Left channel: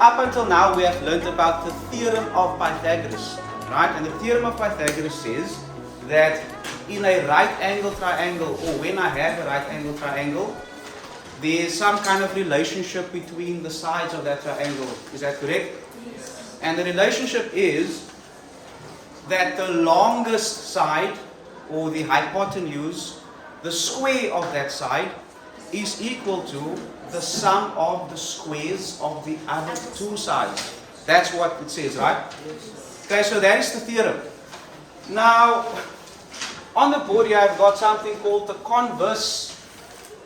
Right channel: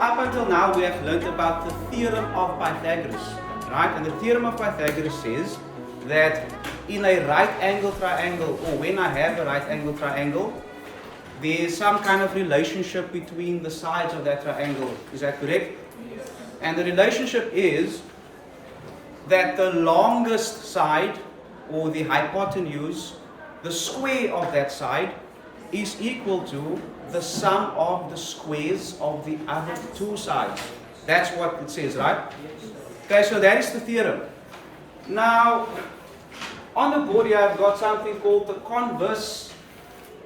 up until now we have learned about the theorem of Pythagoras, right? And the theorem of Pythagoras says that in a right angle triangle, or when I have a right angle triangle, there's some kind of relationship between the sides of that triangle. Is that correct? Yes. And the relationship is that the longest side, or the hypotenuse, the square of that side, is equal to the sum of the squares of the other two sides. That's what it says, right? Okay, so that is the theorem. Now, on the board here I've got something called the converse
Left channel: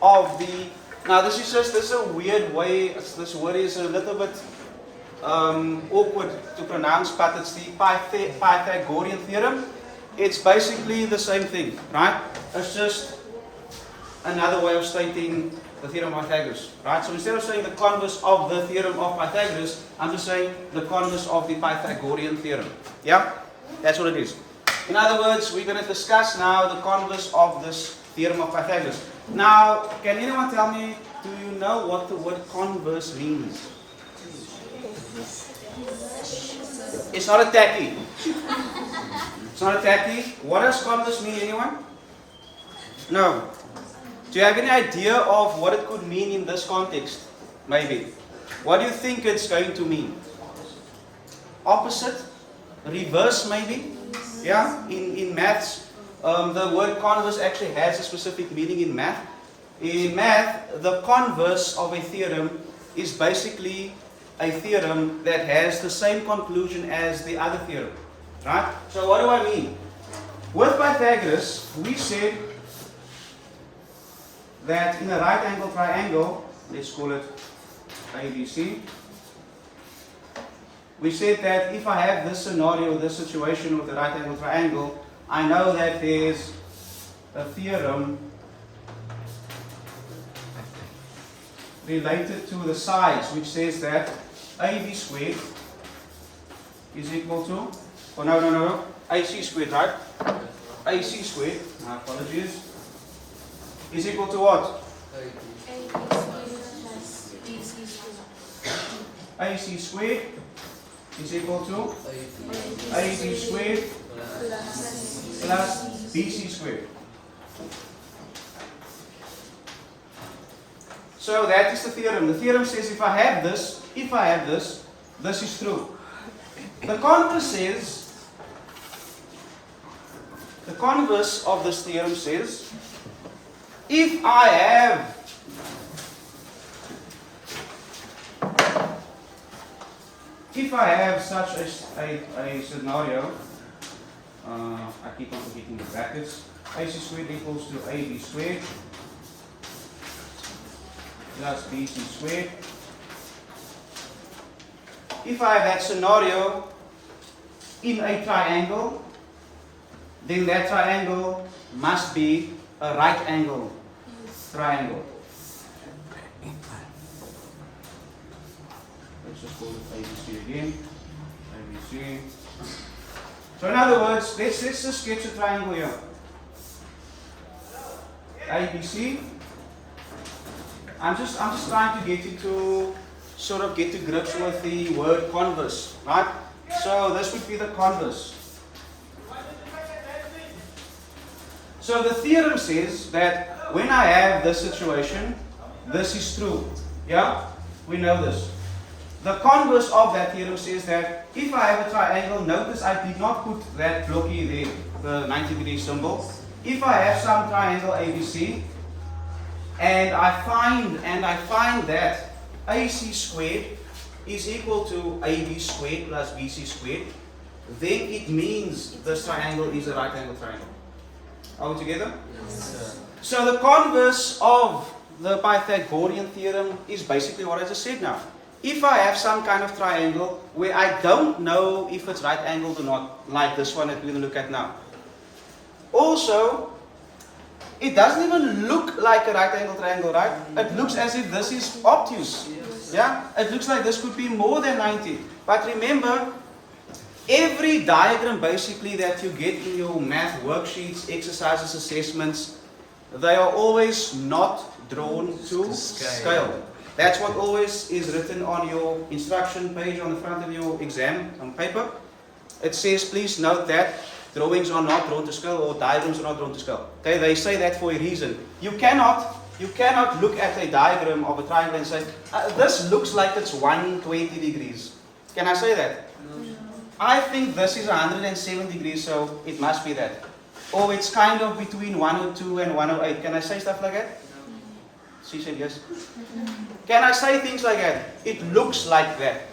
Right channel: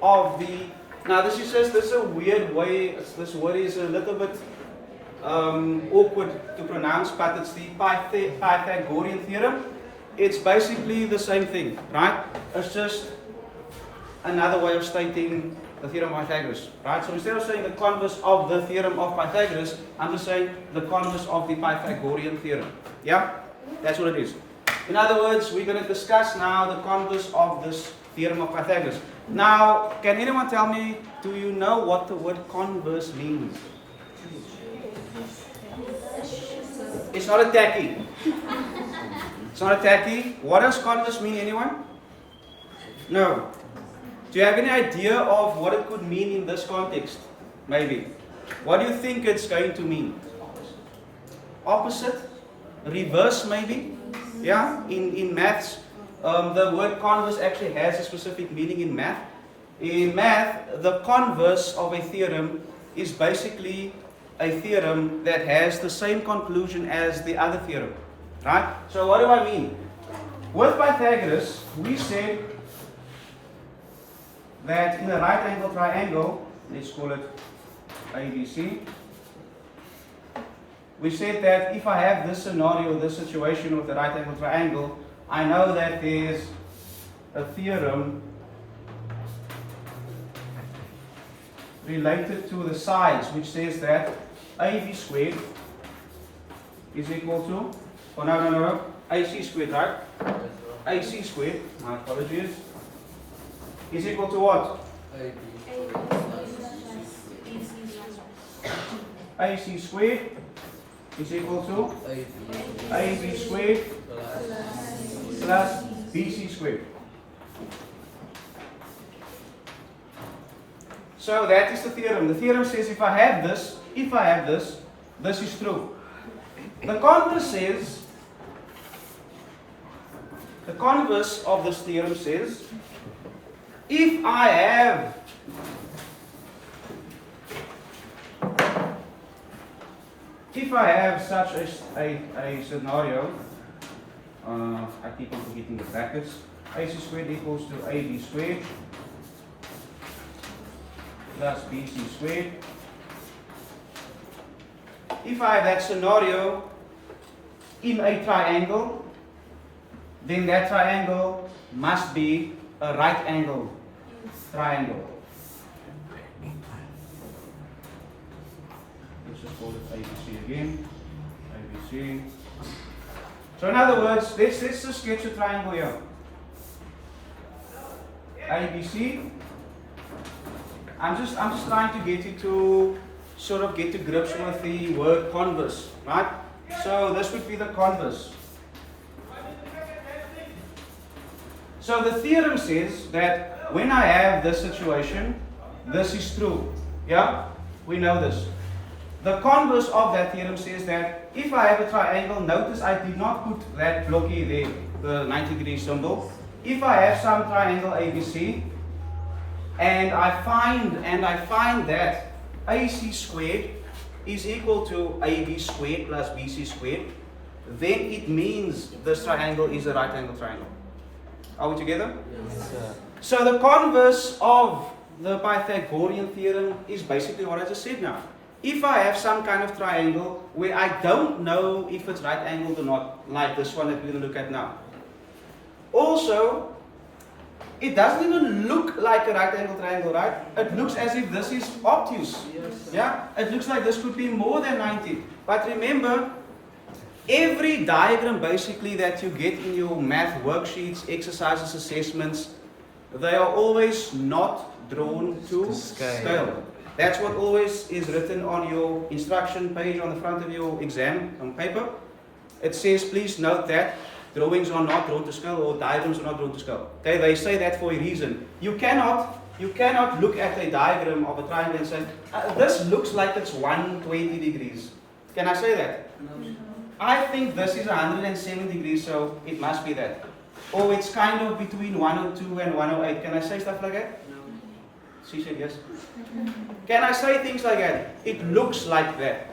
of the... Now this is a weird way, this word is a little bit awkward to pronounce, but it's the Pythagorean theorem. It's basically the same thing, right? It's just another way of stating the theorem of Pythagoras, right? So instead of saying the converse of the theorem of Pythagoras, I'm just saying the converse of the Pythagorean theorem. Yeah? That's what it is. In other words, we're going to discuss now the converse of this theorem of Pythagoras. Now, can anyone tell me, do you know what the word converse means? It's not a tacky. It's not a tacky. What does converse mean, anyone? No. Do you have any idea of what it could mean in this context? Maybe. What do you think it's going to mean? Opposite? Reverse, maybe? Yeah? In maths, the word converse actually has a specific meaning in math. In math, the converse of a theorem is basically a theorem that has the same conclusion as the other theorem. Right? So what do I mean? With Pythagoras, we said that in a right angle triangle, let's call it ABC, we said that if I have this scenario, this situation with a right angle triangle, I know that there's a theorem related to the sides, which says that AB squared is equal to, oh no, AC squared, right? AC squared, my apologies, is equal to what? AC squared is equal to AB squared plus BC squared. So that is the theorem. The theorem says if I have this, this is true. The converse says, the converse of this theorem says, if I have such a scenario, I keep on forgetting the brackets, AC squared equals to AB squared plus BC squared. If I have that scenario in a triangle, then that triangle must be a right angle triangle. Let's just call it ABC again. ABC. So in other words, let's just sketch a triangle here. ABC. I'm just trying to get you to sort of get to grips with the word converse, right? So this would be the converse. So the theorem says that when I have this situation, this is true. Yeah? We know this. The converse of that theorem says that if I have a triangle, notice I did not put that blocky there, the 90-degree symbol. If I have some triangle ABC, and I find that AC squared is equal to AB squared plus BC squared, then it means this triangle is a right angle triangle. Are we together? Yes, sir. So the converse of the Pythagorean theorem is basically what I just said now. If I have some kind of triangle where I don't know if it's right angled or not, like this one that we're going to look at now. Also, it doesn't even look like a right angle triangle, right? It looks as if this is obtuse. Yeah? It looks like this could be more than 90. But remember, every diagram basically that you get in your math worksheets, exercises, assessments, they are always not drawn to scale. That's what always is written on your instruction page on the front of your exam on paper. It says, please note that drawings are not drawn to scale or diagrams are not drawn to scale. Okay, they say that for a reason. You cannot look at a diagram of a triangle and say, this looks like it's 120 degrees. Can I say that? I think this is 107 degrees, so it must be that. Or it's kind of between 102 and 108. Can I say stuff like that? She said yes. Can I say things like that? It looks like that.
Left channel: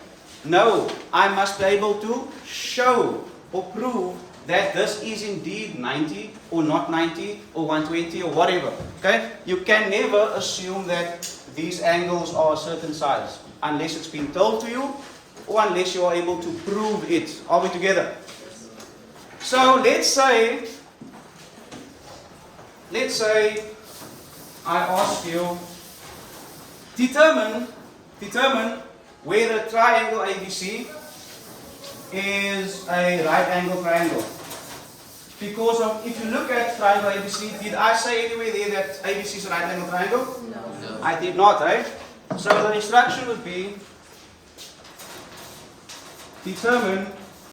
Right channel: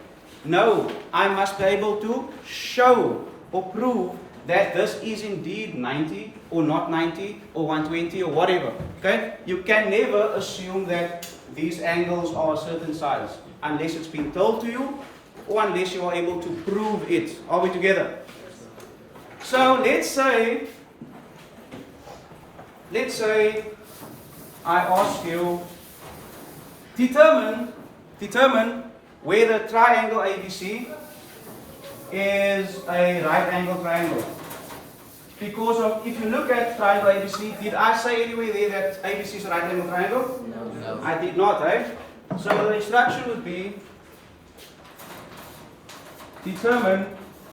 No, I must be able to show or prove that this is indeed 90 or not 90 or 120 or whatever. Okay? You can never assume that these angles are a certain size unless it's been told to you or unless you are able to prove it. Are we together? So let's say I ask you, determine where the triangle ABC is a right angle triangle. Because of, if you look at triangle ABC, did I say anywhere there that ABC is a right angle triangle? No. I did not, right? So the instruction would be, determine